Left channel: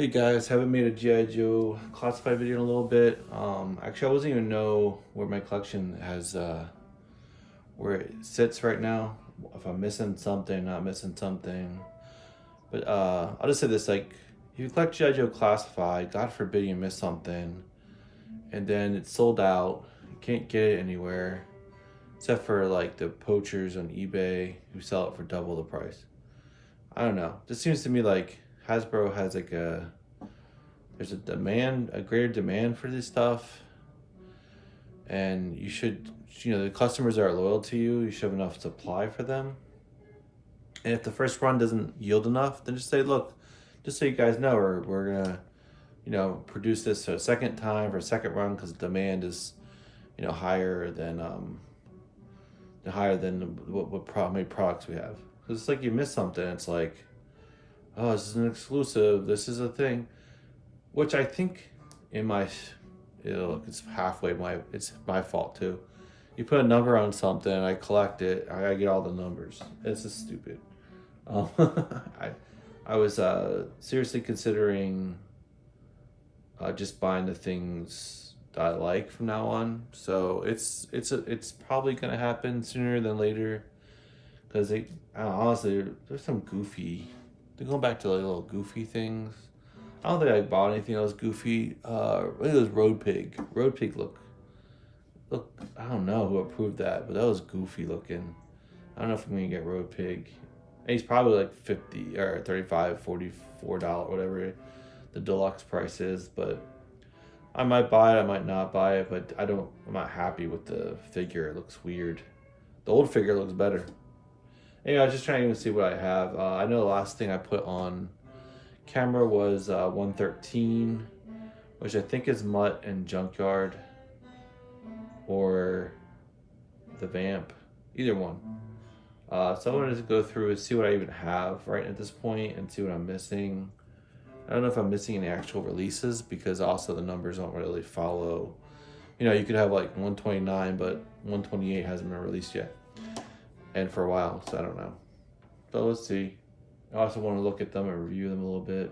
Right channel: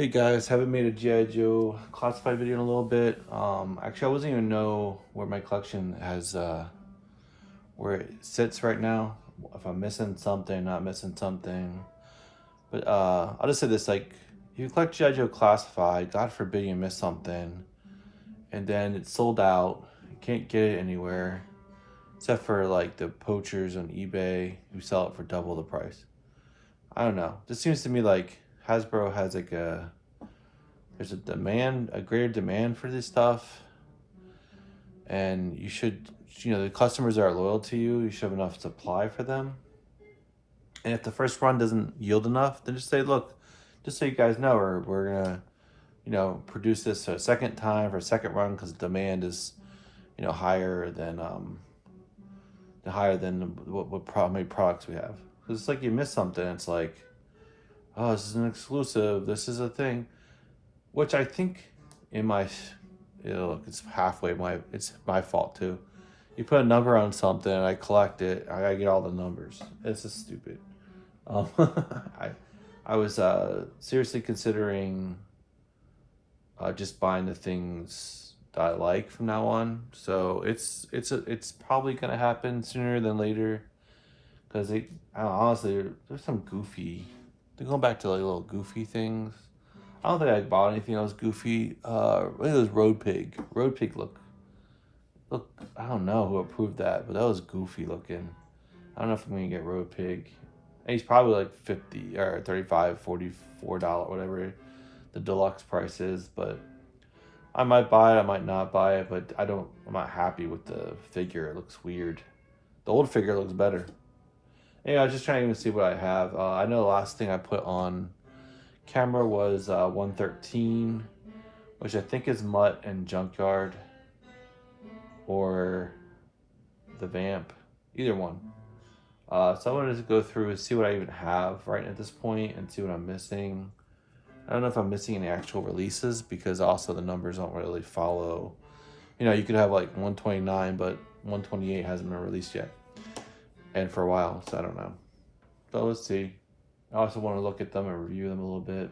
Hey guys, haven't made a G.I. Joe classified video in a little bit. Actually, I wasn't even know where my collection has, where it sits right now. If I'm missing something, not missing something. But I'll just say this: like, if you collect G.I. Joe classified, God forbid you miss something, and then it's sold out. You can't get it anywhere, except for like the poachers on eBay who sell it for double the price. I don't know. Just seems to me like Hasbro has like there's a demand, a greater demand for this stuff, and you should, the customers that are loyal to you, you should have enough supply for them. And if the first run doesn't yield enough, then just say, look, just so you guys know, we're gonna, produce this a second time for a second run because the demand is, higher than how many products we have. Because it's like you miss something. It's like, oh, this is an exclusive. This is a thing, which I think in my, look, it's halfway it's my fault too. You put a number on something, I collect it, I get all the numbers. It's just stupid. Um, I I was seriously considering just buying the things that I like from now on. So it's probably gonna happen sooner than later because honestly, there's some goofy. They're going back to like little goofy things. I don't think I bought anything that was goofy. Look at this Road Pig. Road Pig look. I don't know who approved that, but that was goofy looking. I don't know if I'm gonna get Road Pig. And he's probably like 50 or 35, $44, whatever the deluxe price is. But I might buy it. I might not buy it. But I'm not happy with the figure. It looks weird. The old figure looks better. Yeah, I was just trying to see what I have. I know the last thing I put on camera was 113, which I think is Mutt and Junkyard or the Vamp, either one. So I wanted to go through and see what I even have right at this point and see what I'm missing. I don't know if I'm missing any actual releases because also the numbers don't really follow. You could have like 129, but 128 hasn't been released yet, and for a while, so I don't know. So let's see. I also want to look at them and review them a little bit.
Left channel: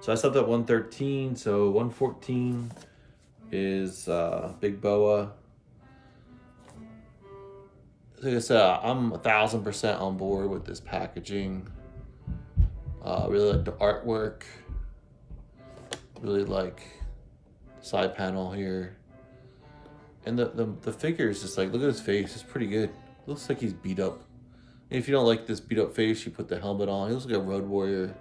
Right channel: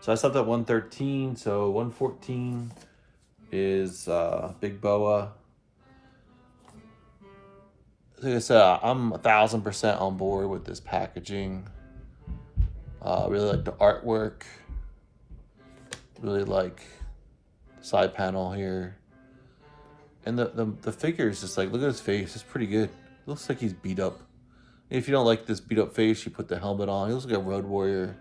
So I stopped at 113. So 114 is Big Boa. Like I said, I'm 1,000% on board with this packaging. Really like the artwork. Really like the side panel here. And the figure is just like, look at his face. It's pretty good. Looks like he's beat up. If you don't like this beat up face, you put the helmet on. He looks like a Road Warrior.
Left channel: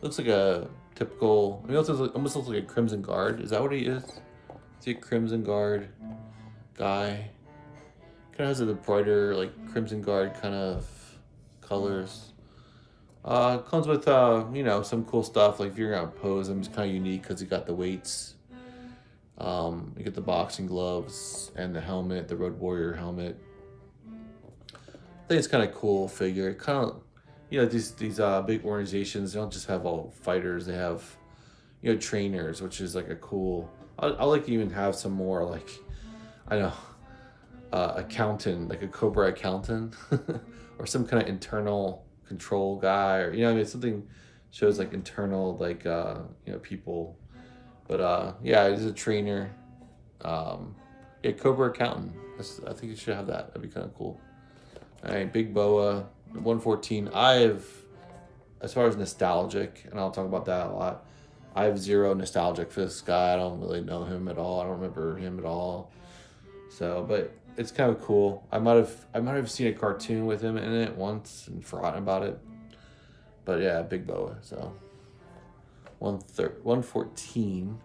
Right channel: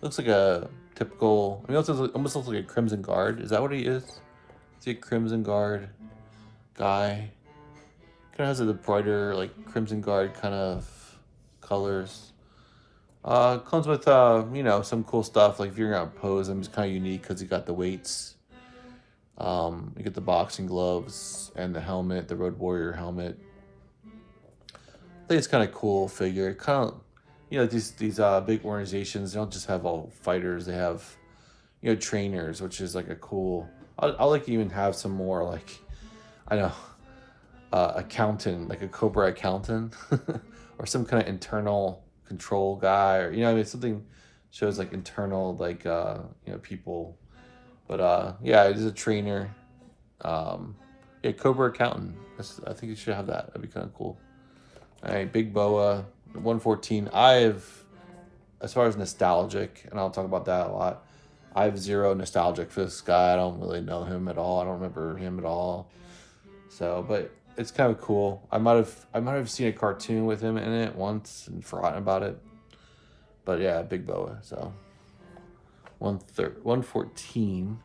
Looks like a typical. He almost looks like a Crimson Guard. Is that what he is? Is he a Crimson Guard guy? Kind of has a brighter, like Crimson Guard kind of colors. Comes with some cool stuff. Like if you're gonna pose him, he's kind of unique because he got the weights. You get the boxing gloves and the helmet, the Road Warrior helmet. I think it's kind of cool figure. Kind of, these big organizations. They don't just have all fighters. They have, trainers, which is like a cool. I like to even have some more like, I know, accountant, like a Cobra accountant, or some kind of internal control guy, or something shows like internal like people. But yeah, he's a trainer. Yeah, Cobra accountant. I think you should have that. That'd be kind of cool. All right, Big Boa, 114. As far as nostalgic, and I'll talk about that a lot. I have zero nostalgic for this guy. I don't really know him at all. I don't remember him at all. So, but it's kind of cool. I might have seen a cartoon with him in it once and forgotten about it. But yeah, Big Boa. So 114,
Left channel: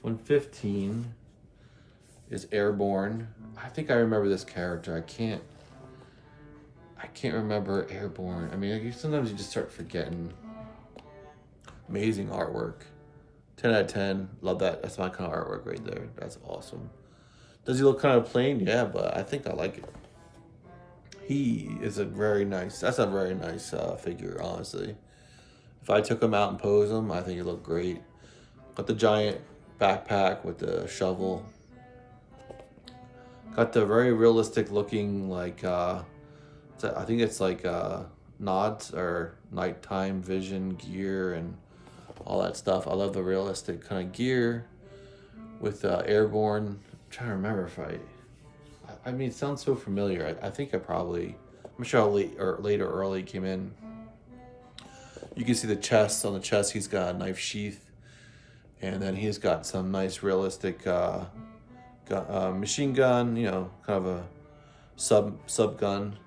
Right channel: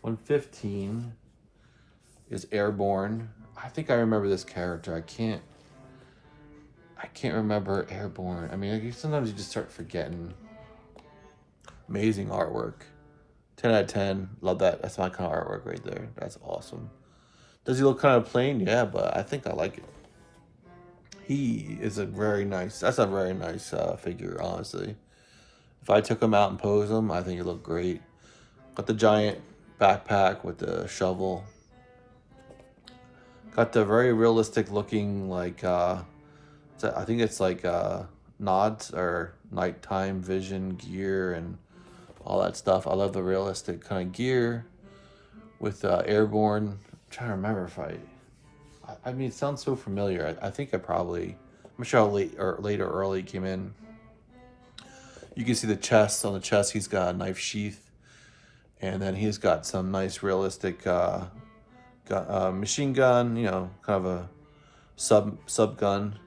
115 is Airborne. I think I remember this character. I can't remember Airborne. I mean, sometimes you just start forgetting. Amazing artwork. 10 out of 10. Love that. That's my kind of artwork right there. That's awesome. Does he look kind of plain? Yeah, but I think I like it. That's a very nice figure, honestly. If I took him out and posed him, I think he'd look great. Got the giant backpack with the shovel. Got the very realistic looking, like, I think it's like nods or nighttime vision gear and all that stuff. I love the realistic kind of gear with Airborne. I'm trying to remember if I mean, it sounds so familiar. I think I probably, I'm sure how late or early came in. You can see the chest. On the chest, he's got a knife sheath, and then he's got some nice realistic machine gun. You know, kind of a sub gun.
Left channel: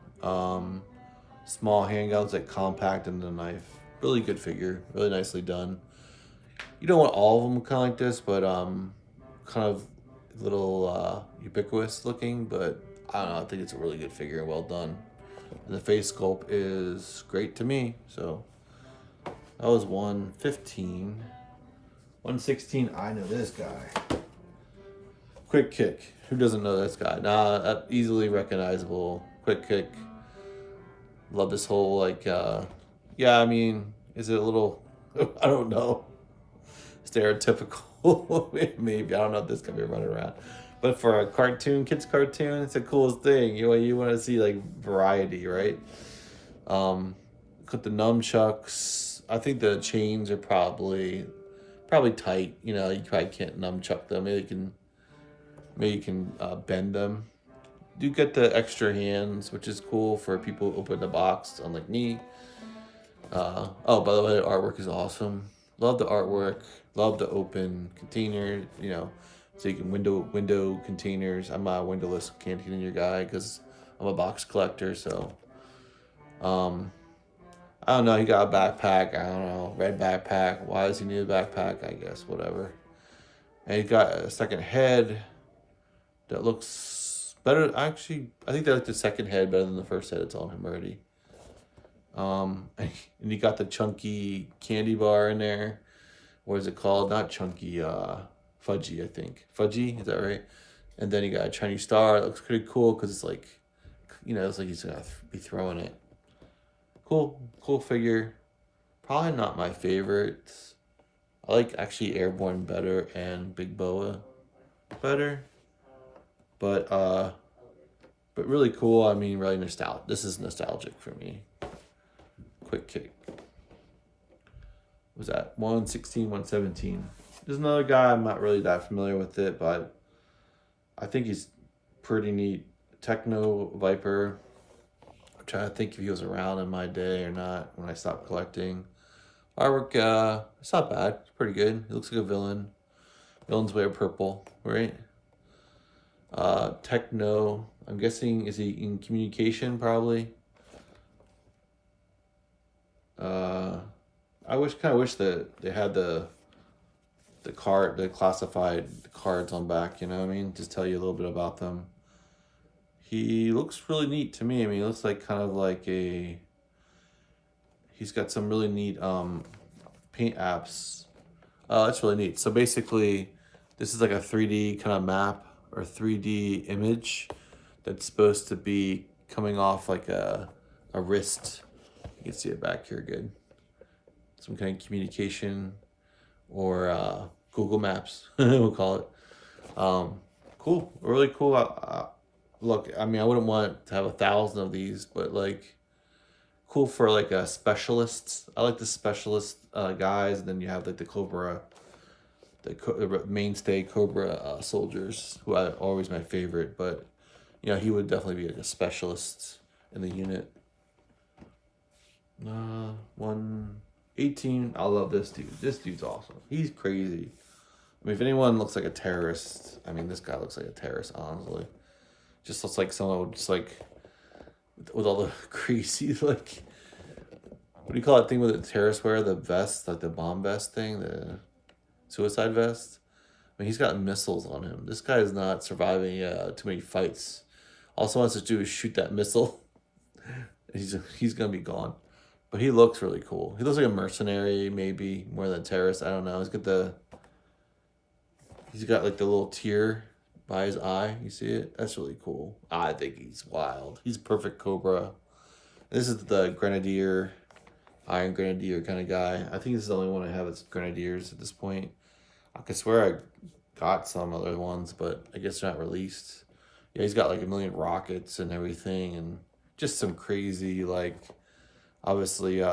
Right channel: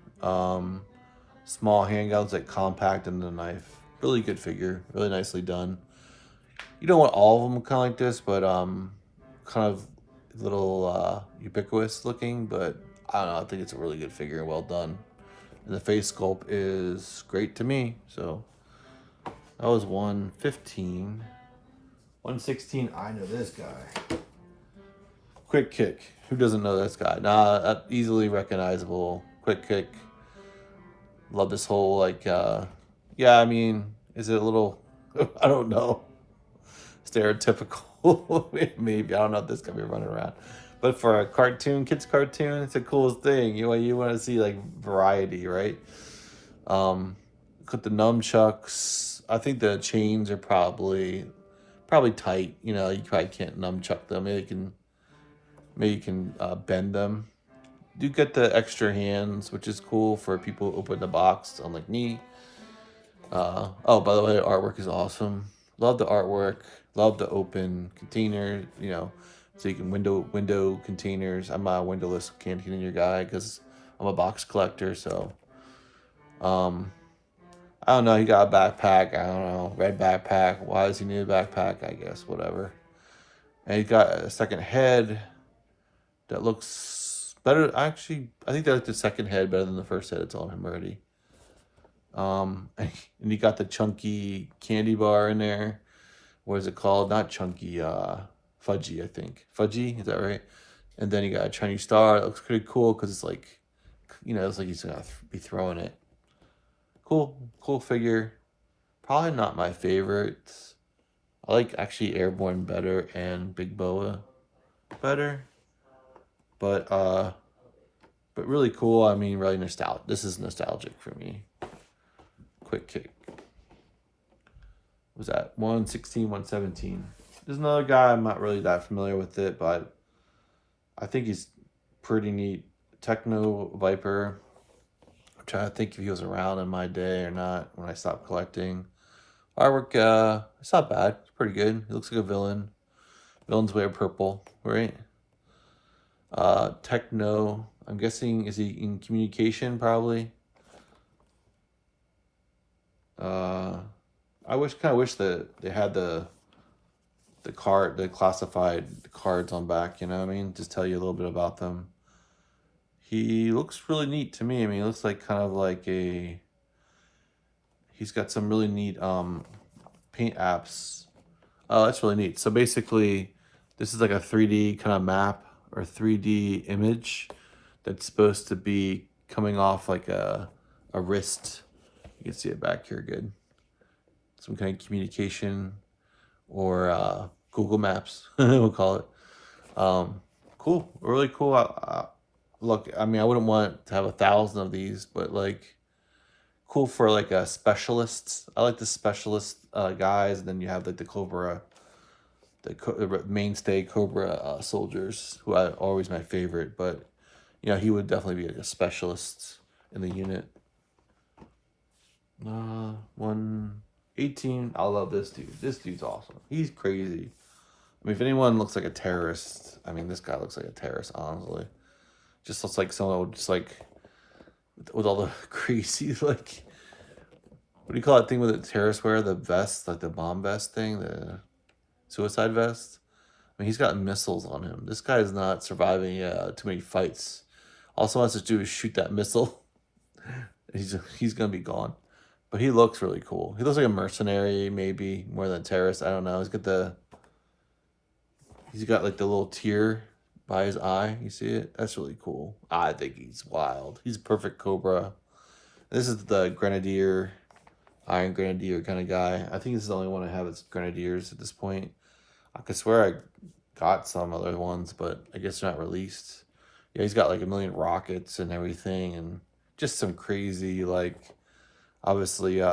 Small handguns that compact in the knife. Really good figure. Really nicely done. You don't want all of them kind of like this, but kind of little ubiquitous looking. But I don't know. I think it's a really good figure. Well done. And the face sculpt is great to me. So that was 115. 116. I know this guy. Quick Kick. Who doesn't know this guy? Nah, easily recognizable. Quick Kick. Love this whole like yeah, I mean, is it a little I don't know. Stereotypical maybe. I don't know if this could be running around. But for a cartoon, kids cartoon, it's the coolest thing. You want to see like variety, right? Got the nunchucks. I think the chains are probably tight. You know, you probably can't nunchuck them. Maybe you can bend them. You get the extra hands, which is cool for people who open the box, unlike me. Oh, by the way, the artwork is awesome. Love the artwork. Love the open container. You know, so you can window containers. I'm a windowless container guy because I'm a box collector. So, I don't know. He got a backpack. I don't know, red backpack. Why does he need a backpack? I guess whatever. And he got a second head that looks better. Actually, I think I like the second head better than the first head. It's on him already. And you got the chunky candy bar in there. What is it called? Not chunky, fudgy, I think. Fudgy, is that right? And then you got a Chinese star. It looks pretty cool because it's like, you know, it's like he's gonna be throwing it. Cool figure. Probably not my favorite. I like actually Airborne better and Big Boa better. But really cool. I mean, really nostalgic. This is nostalgic for me. Quick Kick. What was that 116, 117? There's another guy. I'm not really that familiar with it, but I think he's pretty neat. Techno Viper. I'm trying to think if he was around in my day or not when I stopped collecting. Artwork, it's not bad. It's pretty good. He looks like a villain. Villains wear purple, right? Techno. I'm guessing, is he in communication probably? I kind of wish that they had the classified cards on back. You know what I mean? Just tell you a little bit about them. He looks really neat to me. I mean, he looks like kind of like he's got some really neat paint apps. Oh, that's really neat. So basically, this is like a 3D kind of map or 3D image that's supposed to be coming off like a wrist. You can see it back here good. Some kind of communication or Google Maps, we'll call it. Cool, really cool. Look, I mean, I wouldn't want to have 1,000 of these, but like, cool for like specialists. I like the specialist guys, and then you have like the Cobra, the mainstay Cobra soldiers, who are always my favorite. But you know, he would definitely be like a specialist in the unit. 118. I love this dude. This dude's awesome. He's crazy. I mean, if anyone looks like a terrorist, I mean, this guy looks like a terrorist, honestly. Just looks like someone would just like, with all the crazy, like, what do you call that thing with the terrorists wear? The vest, like the bomb vest thing, the suicide vest. I mean, he's got missiles on him. This guy is not surviving too many fights. All he wants to do is shoot that missile. He's gonna be gone. But he looks really cool. He looks like a mercenary, maybe more than a terrorist. I don't know. He's got like the little tear by his eye. You see it? That's really cool. I think he's wild. He's a perfect Cobra. This is the Grenadier, Iron Grenadier kind of guy. I think this is the only one I have that's Grenadiers at this point. I could swear I got some other ones, but I guess they're not released. Yeah, he's got like 1,000,000 rockets and everything, and just some crazy, like, obviously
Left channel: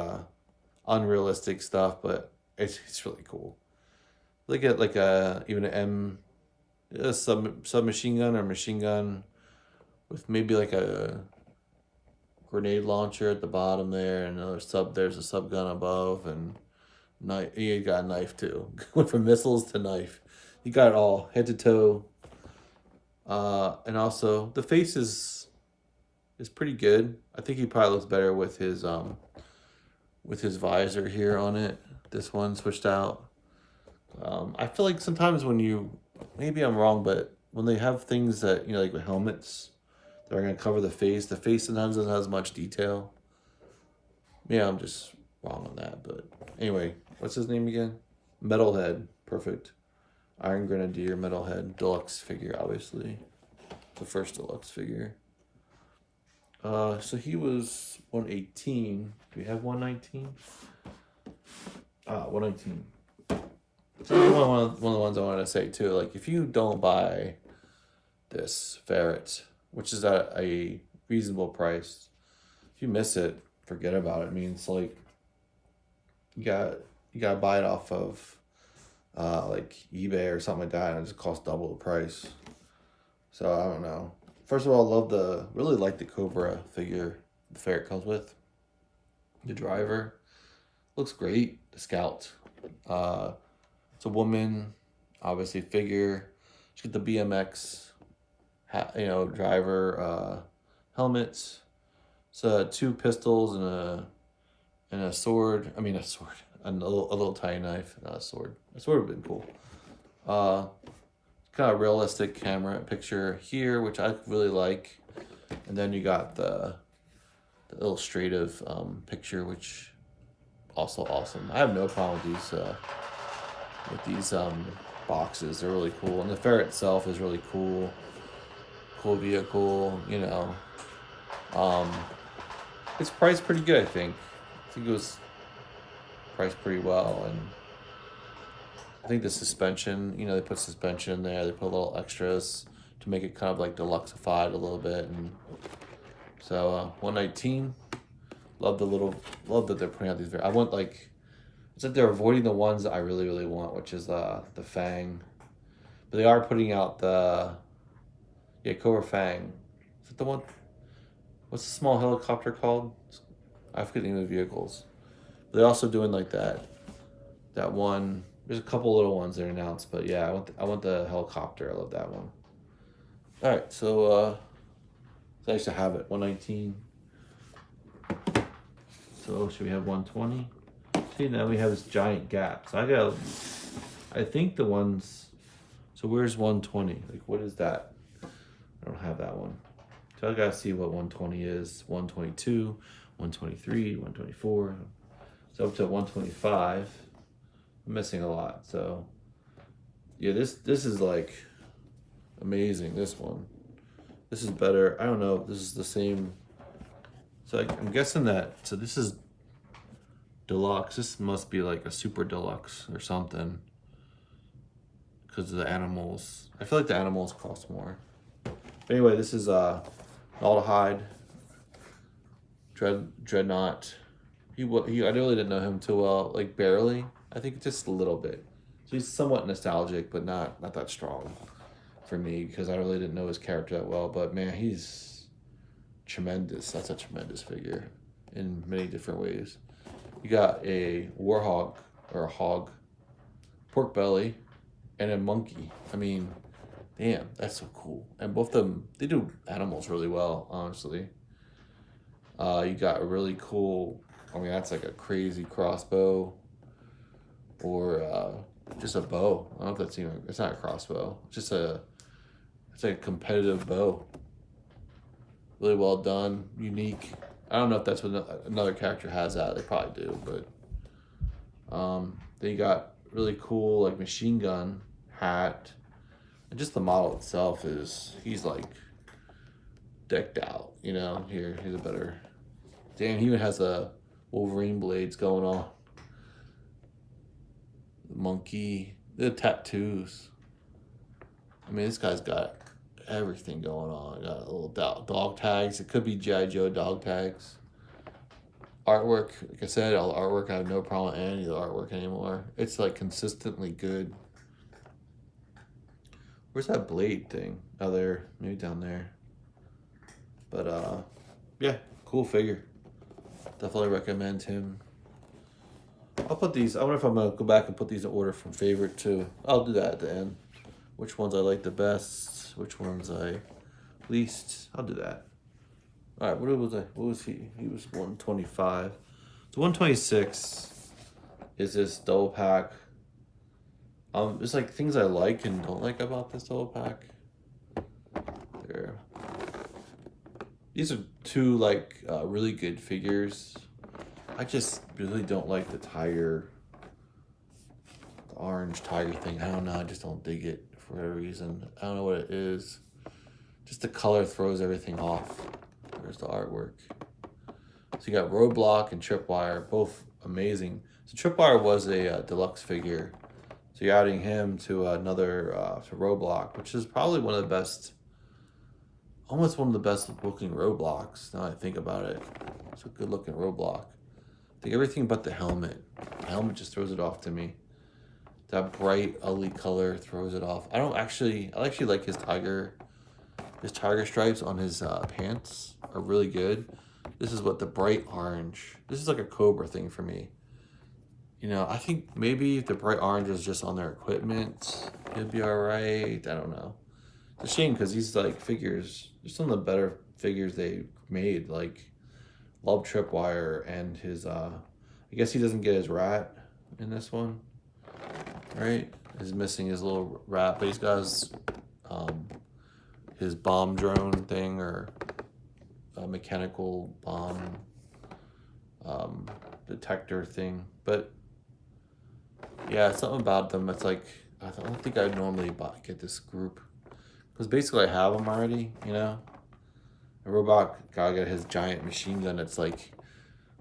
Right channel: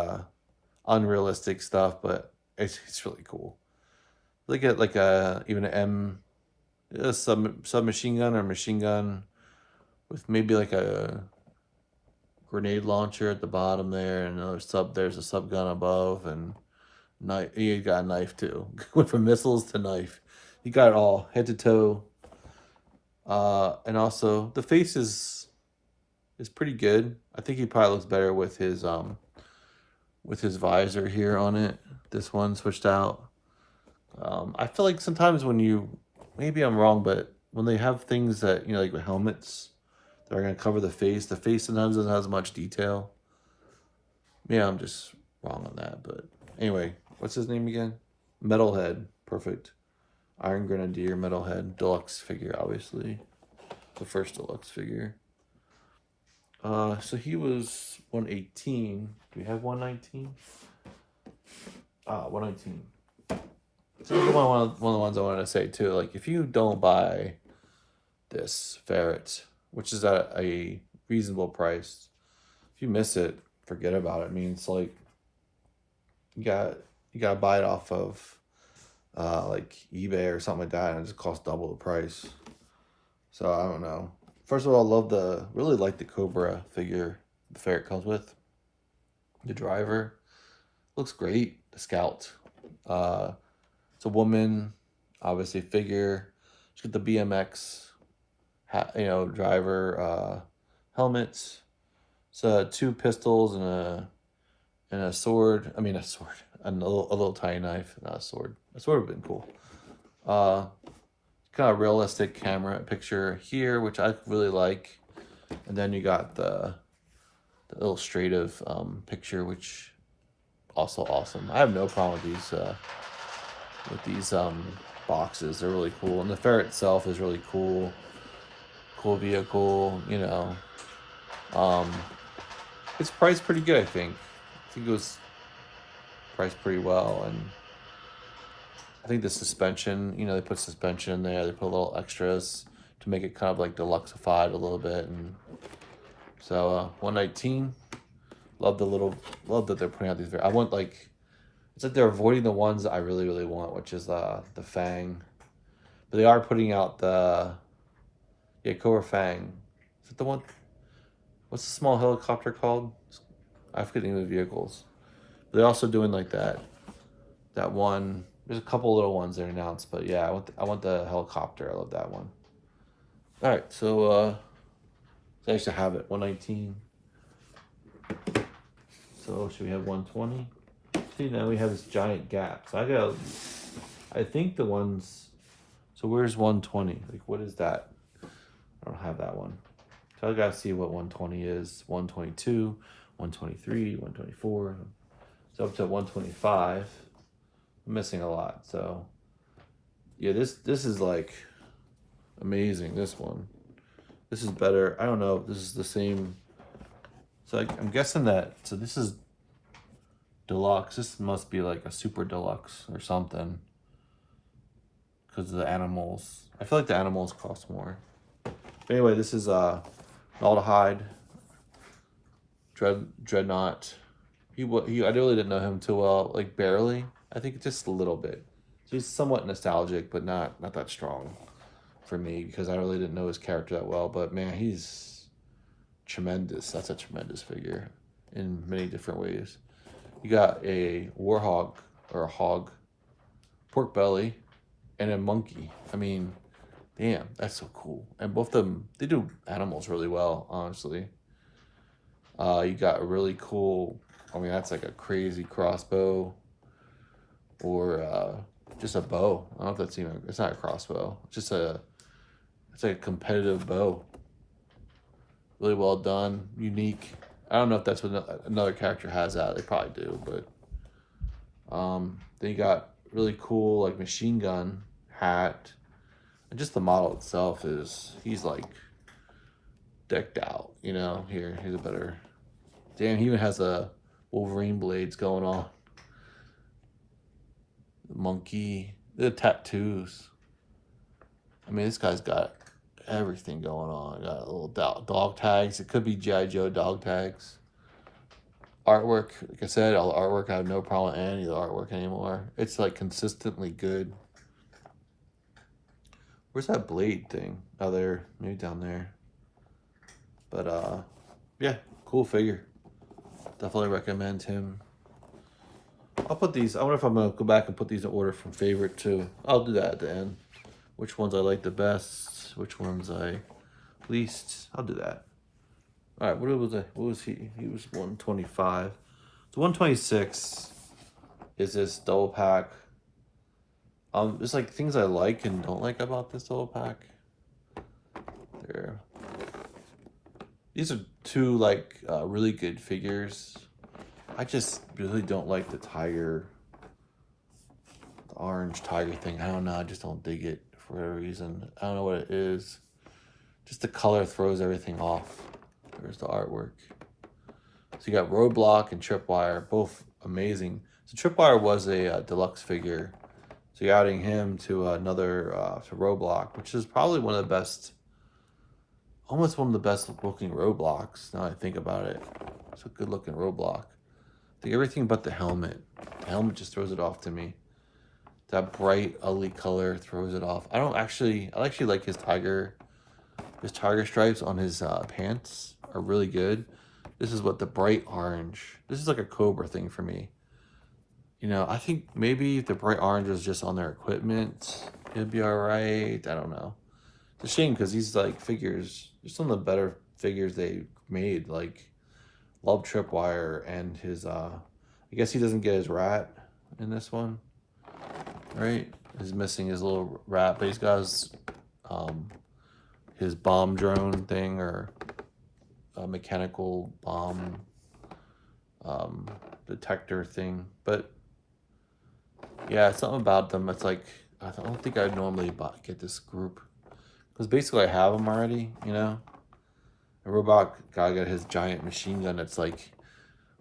unrealistic stuff, but It's really cool. Look at like even a submachine gun or machine gun with maybe like a grenade launcher at the bottom there, and there's a sub gun above, and knife. You got a knife too. Went from missiles to knife. You got it all head to toe. And also the face is pretty good. I think he probably looks better with his visor here on it. This one switched out. I feel like sometimes when maybe I'm wrong, but when they have things that, like with helmets that are going to cover the face sometimes doesn't have as much detail. Yeah, I'm just wrong on that. But anyway, what's his name again? Metalhead. Perfect. Iron Grenadier Metalhead. Deluxe figure, obviously. The first deluxe figure. So he was 118. Do we have 119? 119. So this is one of the ones I wanted to say too. Like, if you don't buy this ferret, which is at a reasonable price, if you miss it, forget about it. I mean, it's like you gotta buy it off of like eBay or something like that, and it just costs double the price. So I don't know. First of all, really like the Cobra figure the ferret comes with. The driver looks great. The Scout. It's a woman, obviously figure. She's got the BMX, driver helmets. So 2 pistols and a sword. I mean a sword. A little tiny knife, not a sword. A sword would have been cool. Kind of realistic camera picture here, which I really like. And then you got the illustrative picture, which also awesome. I have no problem with these boxes. They're really cool, and the ferret itself is really cool. Cool vehicle, It's priced pretty good, I think. I think it was priced pretty well, and I think the suspension, they put suspension in there. They put a little extras to make it kind of like deluxeified a little bit, and so 119. Love that they're putting out these. I want it's like they're avoiding the ones that I really really want, which is the Fang, but they are putting out the Cobra Fang. Is it the one? What's the small helicopter called? I forget the name of the vehicles. They're also doing like that one. There's a couple little ones that are announced, but yeah, I want the helicopter. I love that one. All right, so nice to have it. 119. So should we have 120? See, now we have this giant gap. So I think the ones. So where's 120? Like, what is that? I don't have that one. So I gotta see what 120 is. 122, 123, 124. So up to 125. I'm missing a lot. So yeah, this is like amazing. This one. This is better. I don't know if this is the same. So I'm guessing that. So this is deluxe. This must be like a super deluxe or something. Because of the animals. I feel like the animals cost more. But anyway, this is Naldahide, Dreadnought. I really didn't know him too well, like barely. I think just a little bit. So he's somewhat nostalgic, but not that strong for me because I really didn't know his character that well. But man, he's tremendous. That's a tremendous figure in many different ways. You got a warhog or a hog, pork belly, and a monkey. I mean, damn, that's so cool. And both of them, they do animals really well, honestly. You got a really cool, that's like a crazy crossbow or just a bow. I don't know if it's not a crossbow. It's a competitive bow. Really well done, unique. I don't know if that's what another character has that. They probably do, but they got really cool like machine gun hat. And just the model itself he's like decked out, here, he's a better, damn, he even has the Wolverine blades going on. The monkey, the tattoos. I mean, this guy's got everything going on. Got little dog tags. It could be G.I. Joe dog tags. artwork, like I said, all the artwork, I have no problem with any of the artwork anymore. It's like consistently good. Where's that blade thing? Oh, there, maybe down there. But yeah, cool figure. Definitely recommend him. I'll put these. I wonder if I'm gonna go back and put these in order from favorite to. I'll do that at the end. Which ones I like the best? Which ones I least? I'll do that. All right. What was I? What was he? He was 125. The 126 is this double pack. It's like things I like and don't like about this double pack. There. These are two like really good figures. I just really don't like the tiger, the orange tiger thing. I don't know. I just don't dig it for whatever reason. I don't know what it is. Just the color throws everything off. Where's the artwork? So you got Roadblock and Tripwire, both amazing. So Tripwire was a deluxe figure. So you're adding him to another to Roadblock, which is probably one of the best, almost one of the best looking Roadblocks. Now I think about it, it's a good looking Roadblock. I think everything but the helmet. The helmet just throws it off to me. That bright, ugly color throws it off. I actually like his tiger stripes on his pants are really good. This is what the bright orange. This is like a Cobra thing for me. You know, I think maybe if the bright orange is just on their equipment, it'd be all right. I don't know. It's a shame because these like figures, they're some of the better figures they made. Like, love Tripwire and his, I guess he doesn't get his rat in this one, right? He's missing his little rat, but he's got his bomb drone thing or a mechanical bomb detector thing. But yeah, something about them. It's like I don't think I'd normally get this group because basically I have them already. You know, the robot guy got his giant machine gun. It's like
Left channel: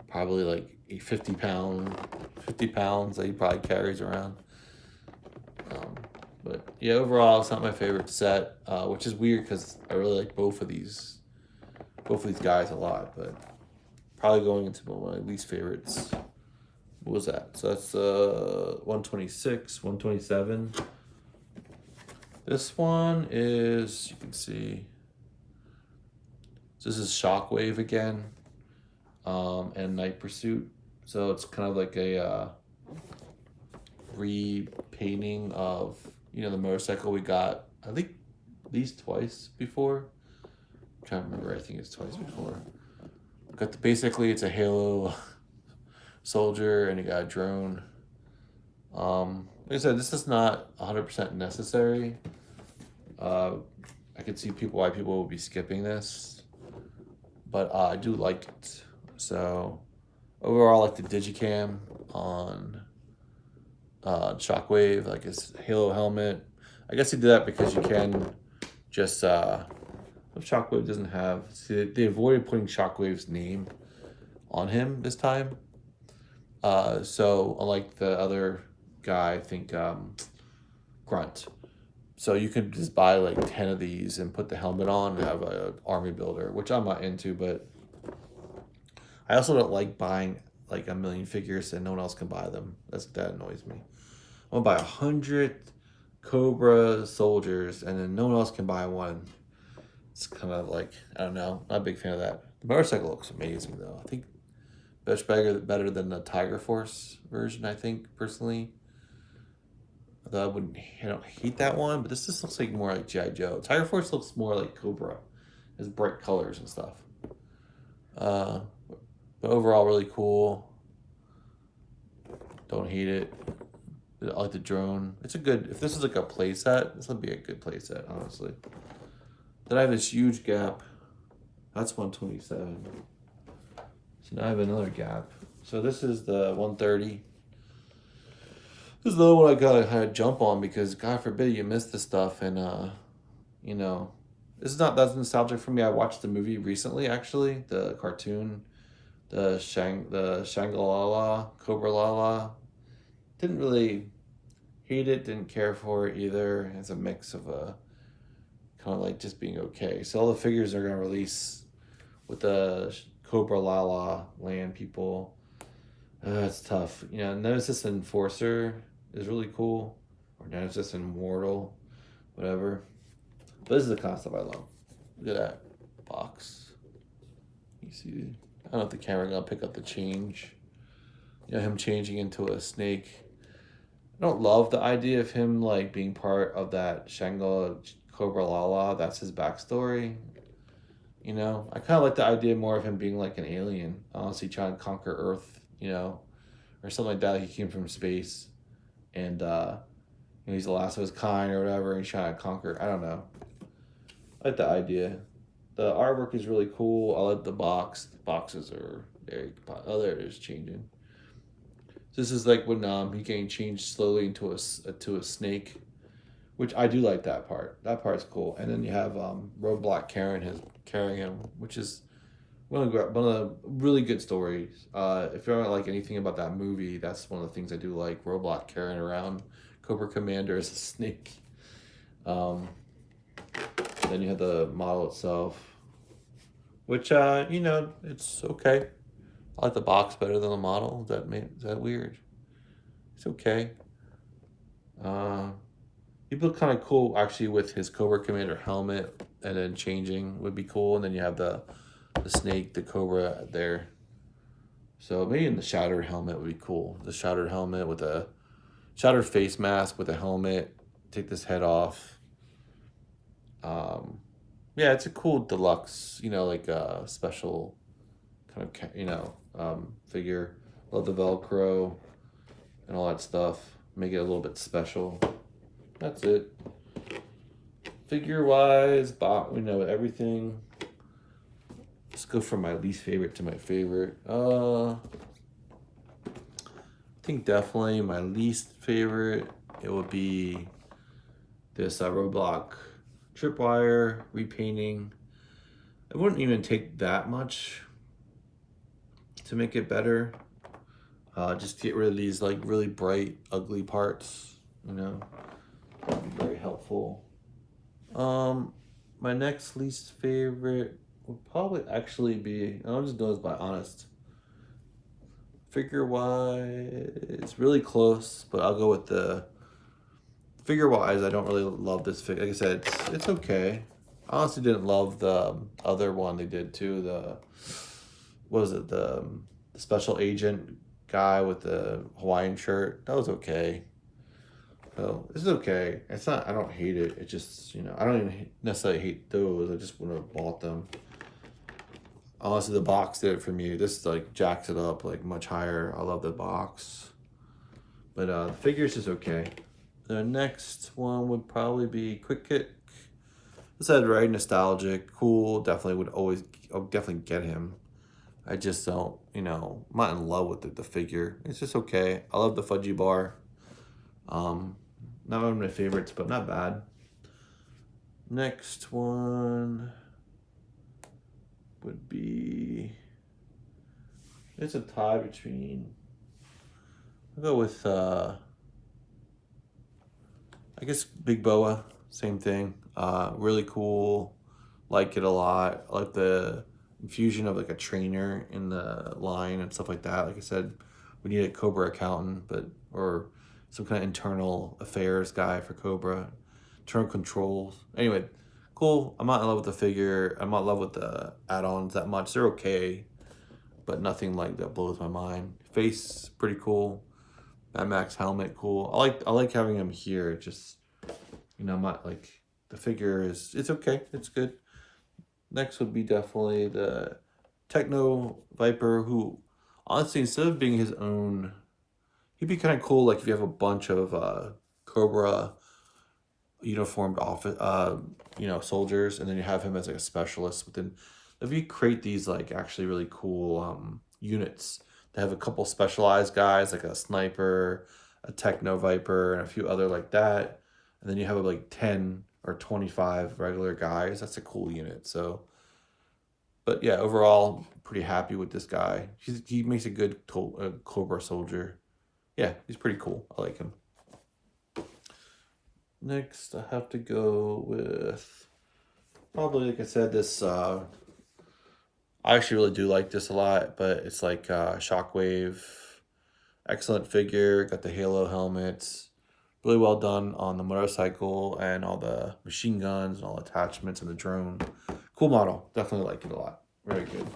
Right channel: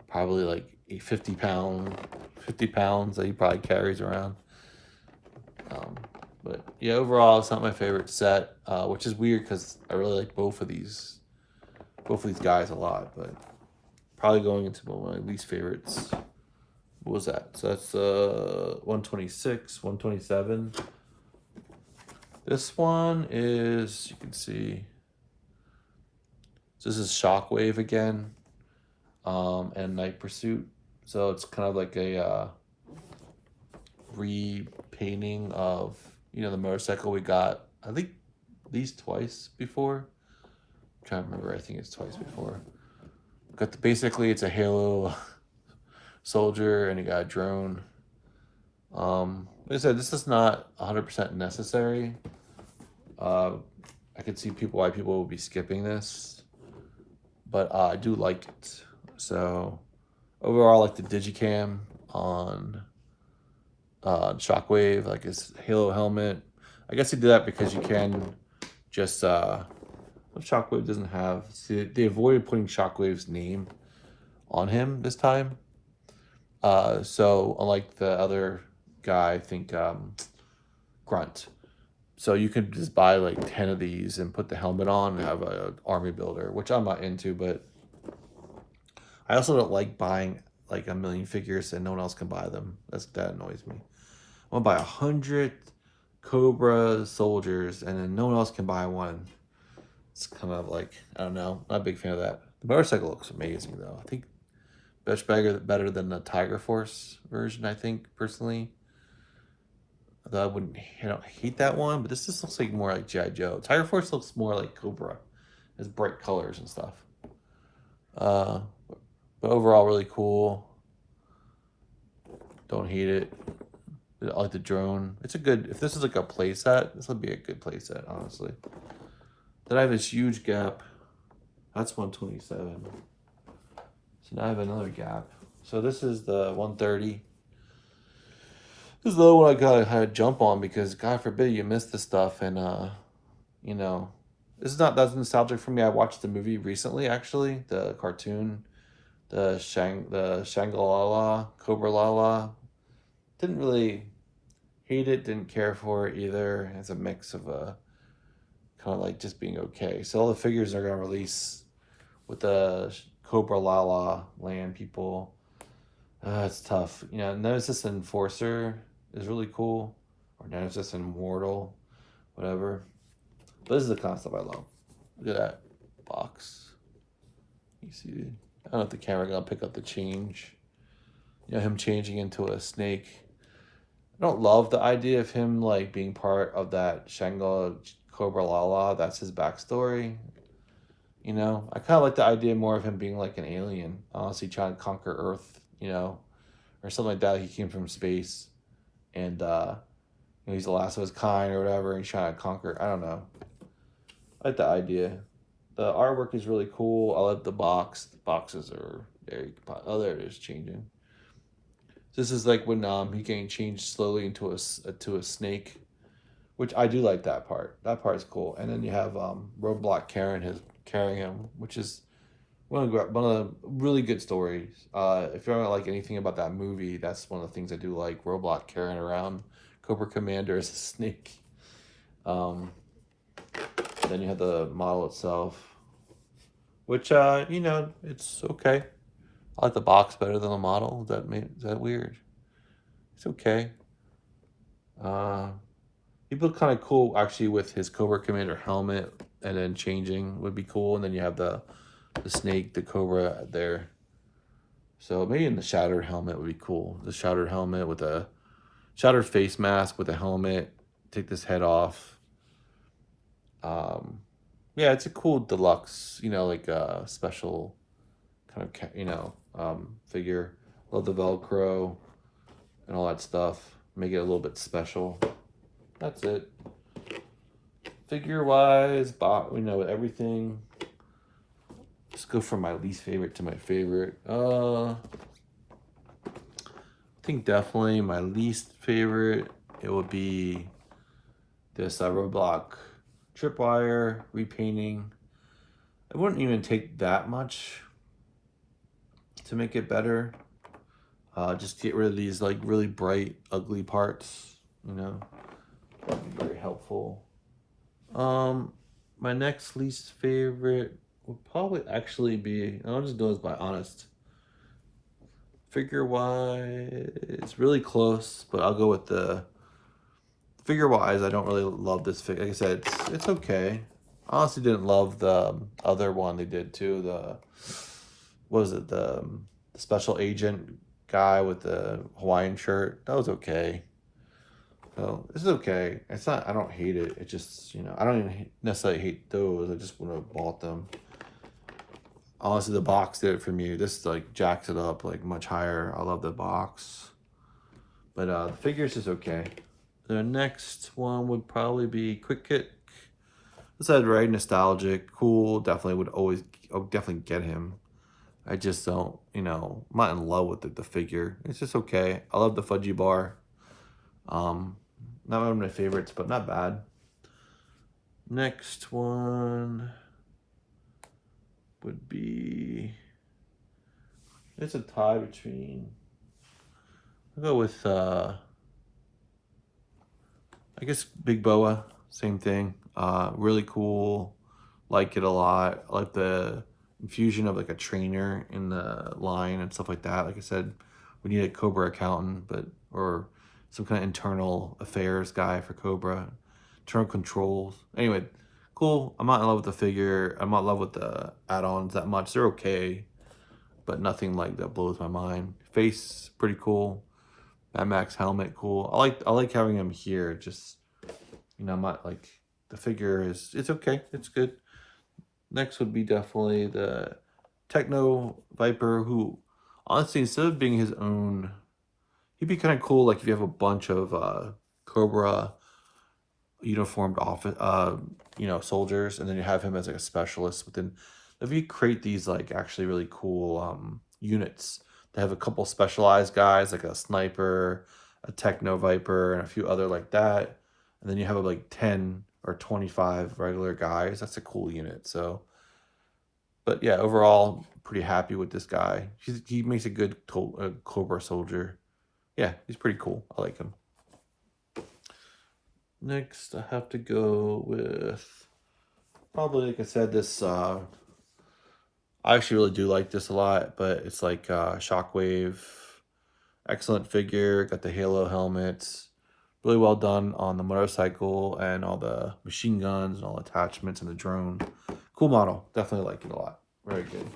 probably like 50 pounds that he probably carries around. But yeah, overall, it's not my favorite set, which is weird because I really like both of these guys a lot. But probably going into one of my least favorites. What was that? So that's 126, 127. This one is, you can see, this is Shockwave again, and Night Pursuit. So it's kind of like a repainting of, you know, the motorcycle we got, I think, at least twice before. I'm trying to remember, I think it's twice before. Got basically, it's a Halo soldier and you got a drone. Like I said, this is not 100% necessary. I could see why people will be skipping this, but I do like it. So overall, I like the Digicam on Shockwave, like his Halo helmet. I guess he did that because you can just what Shockwave doesn't have. See, they avoided putting Shockwave's name on him this time. So unlike the other guy, I think Grunt. So you could just buy like 10 of these and put the helmet on and have an army builder, which I'm not into, but I also don't like buying like a million figures and no one else can buy them. That annoys me. I'm gonna buy 100 Cobra soldiers and then no one else can buy one. It's kind of like, I don't know, not a big fan of that. The motorcycle looks amazing though. I think better than the Tiger Force version, I think, personally. Although I don't hate that one, but this just looks like more like G.I. Joe. Tiger Force looks more like Cobra. It has bright colors and stuff. But overall, really cool. Don't hate it. I like the drone. It's a good, if this is like a play set, this would be a good play set, honestly. Then I have this huge gap. That's 127. So now I have another gap. So this is the 130. This is the other one I gotta had to jump on because God forbid you miss this stuff and you know, this is not that nostalgic for me. I watched the movie recently, actually, the cartoon, the Shangri-La, Cobra Lala. Didn't really hate it, didn't care for it either. It's a mix of kind of like just being okay. So all the figures are gonna release with the Cobra Lala land people. It's tough. You know, Nemesis Enforcer is really cool. Or Nemesis Immortal, whatever. But this is the concept I love. Look at that box. You see, I don't know if the camera gonna pick up the change. You know, him changing into a snake. I don't love the idea of him like being part of that Shango Cobra Lala. That's his backstory. You know, I kind of like the idea more of him being like an alien, honestly trying to conquer Earth. You know, or something like that. He came from space, and he's the last of his kind or whatever, and he's trying to conquer. I don't know. I like the idea. The artwork is really cool. I like the box. The boxes are very. Oh, there it is, changing. This is like when he getting changed slowly into a snake, which I do like that part. That part's cool. And then you have Roadblock carrying him, which is one of the really good stories. If you don't like anything about that movie, that's one of the things I do like. Roadblock carrying around Cobra Commander as a snake. Then you have the model itself, which you know, it's okay. I like the box better than the model. Is that weird? It's okay. He look kind of cool actually with his Cobra Commander helmet, and then changing would be cool. And then you have the snake, the Cobra there. So maybe in the shattered helmet would be cool. The shattered helmet with a shattered face mask with a helmet. Take this head off. Yeah, it's a cool deluxe, you know, like special kind of, you know, figure. Love the Velcro and all that stuff. Make it a little bit special. That's it. Figure wise, you know, everything. Let's go from my least favorite to my favorite. I think definitely my least favorite, it would be this Roadblock tripwire repainting. It wouldn't even take that much to make it better. Just get rid of these like really bright, ugly parts, you know. That'd be very helpful. My next least favorite would probably actually be, I'll just do this by honest. Figure wise, it's really close, but I'll go with the figure wise. I don't really love this figure. Like I said, it's okay. I honestly didn't love the other one they did too. What was it? The special agent guy with the Hawaiian shirt. That was okay. So this is okay. It's not. I don't hate it. It just, you know, I don't even necessarily hate those. I just would have bought them. Honestly, the box did it for me. This like jacks it up like much higher. I love the box, but the figures is okay. The next one would probably be Quick Kick. This is very nostalgic, cool. Definitely definitely get him. I just don't, you know, I'm not in love with the figure. It's just okay. I love the Fudgy Bar. Not one of my favorites, but not bad. Next one would be, it's a tie between, I'll go with I guess Big Boa, same thing. Really cool, like it a lot. I like the infusion of like a trainer in the line and stuff like that. Like I said, we need a Cobra accountant, or some kind of internal affairs guy for Cobra, internal controls. Anyway, cool. I'm not in love with the figure. I'm not in love with the add-ons that much. They're okay, but nothing like that blows my mind. Face pretty cool. Mad Max helmet cool. I like having him here. Just, you know, I'm not like, the figure it's okay. It's good. Next would be definitely the Techno Viper, who honestly, instead of being his own, he'd be kind of cool. Like if you have a bunch of Cobra uniformed you know, soldiers, and then you have him as like a specialist. But then if you create these like actually really cool units that have a couple specialized guys, like a sniper, a Techno Viper, and a few other like that, and then you have like 10 or 25 regular guys. That's a cool unit. So, but yeah, overall, pretty happy with this guy. He makes a good Cobra soldier. Yeah, he's pretty cool. I like him. Next, I have to go with probably, like I said, this I actually really do like this a lot, but it's like Shockwave, excellent figure, got the Halo helmets, really well done on the motorcycle and all the machine guns and all attachments and the drone. Cool model, definitely like it a lot. Very good.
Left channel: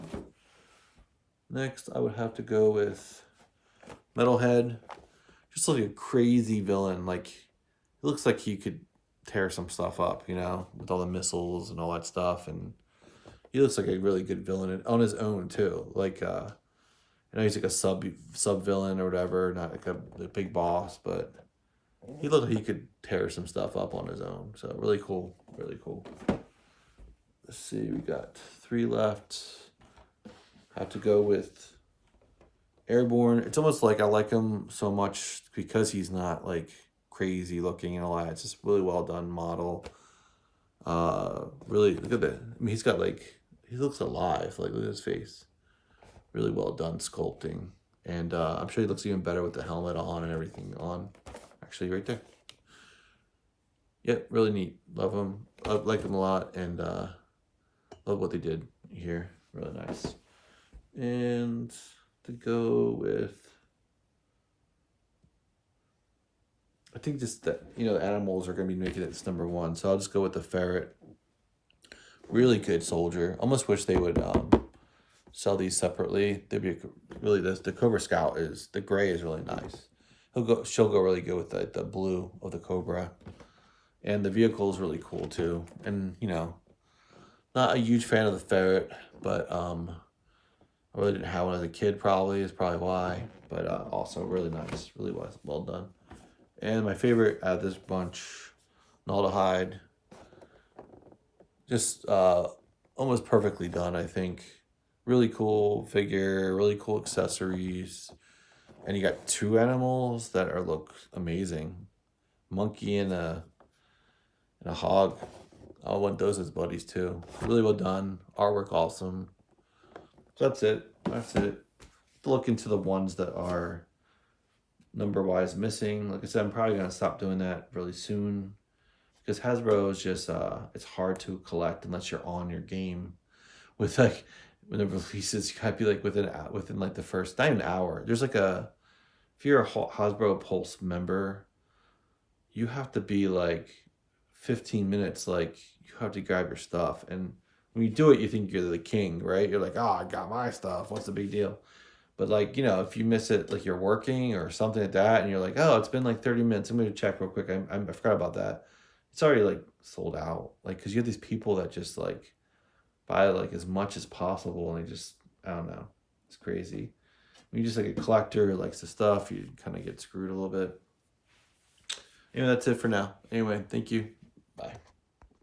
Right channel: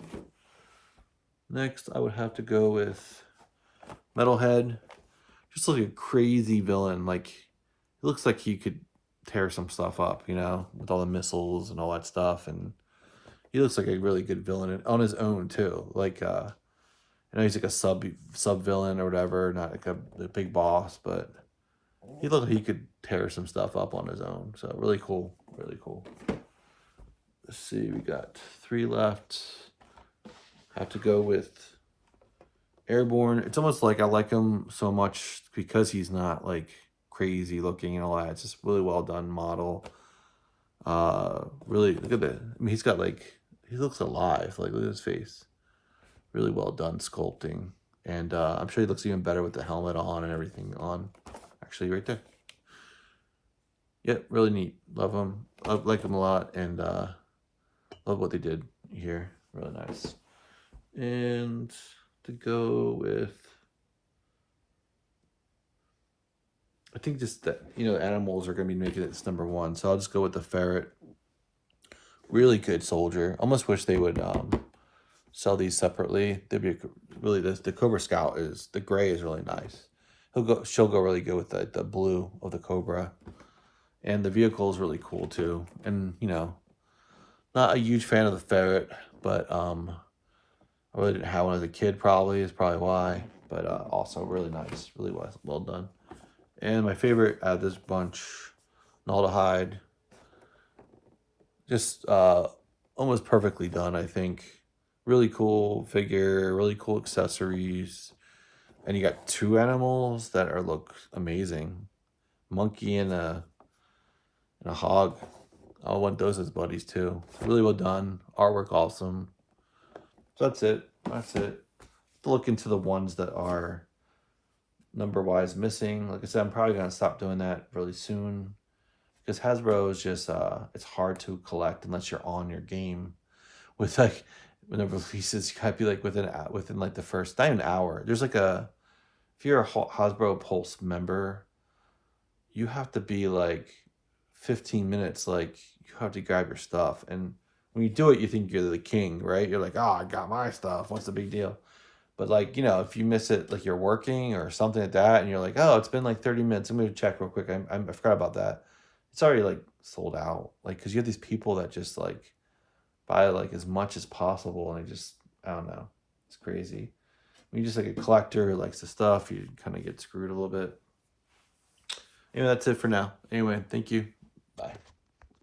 Next, I would have to go with Metalhead. Just like a crazy villain. Like, he looks like he could tear some stuff up, you know, with all the missiles and all that stuff. And he looks like a really good villain on his own too. Like, I know he's like a sub villain or whatever, not like a big boss, but he looked like he could tear some stuff up on his own. So really cool, really cool. Let's see, we got 3 left. Have to go with Airborne. It's almost like I like him so much because he's not like crazy looking and all that. It's just really well done model. Really look at that. I mean, he's got like, he looks alive. Like, look at his face. Really well done sculpting. And I'm sure he looks even better with the helmet on and everything on. Actually, right there. Yeah, really neat. Love him. I like him a lot. And love what they did here. Really nice. And to go with, I think just that, you know, animals are going to be making it this #1. So I'll just go with the ferret. Really good soldier. Almost wish they would sell these separately. They'd be really, the Cobra Scout is, the gray is really nice. She'll go really good with the blue of the Cobra. And the vehicle is really cool too. And, you know, not a huge fan of the ferret, but I really didn't have one as a kid probably, is probably why. But also really nice, really well done. And my favorite out of this bunch, Naldahide. Just almost perfectly done, I think. Really cool figure, really cool accessories. And you got 2 animals that look amazing. Monkey and a hog. I want those as buddies too. Really well done. Artwork awesome. So that's it. That's it. Look into the ones that are number-wise missing. Like I said, I'm probably gonna stop doing that really soon. Because Hasbro is just it's hard to collect unless you're on your game. With like whenever releases, you gotta be like within like the first, not even an hour. There's like if you're a Hasbro Pulse member, you have to be like 15 minutes, like you have to grab your stuff. And when you do it, you think you're the king, right? You're like, oh, I got my stuff. What's the big deal? But like, you know, if you miss it, like you're working or something like that, and you're like, oh, it's been like 30 minutes. I'm going to check real quick. I forgot about that. It's already like sold out. Like, because you have these people that just like buy like as much as possible. And they just, I don't know. It's crazy. When you're just like a collector who likes the stuff, you kind of get screwed a little bit. Anyway, that's it for now. Anyway, thank you.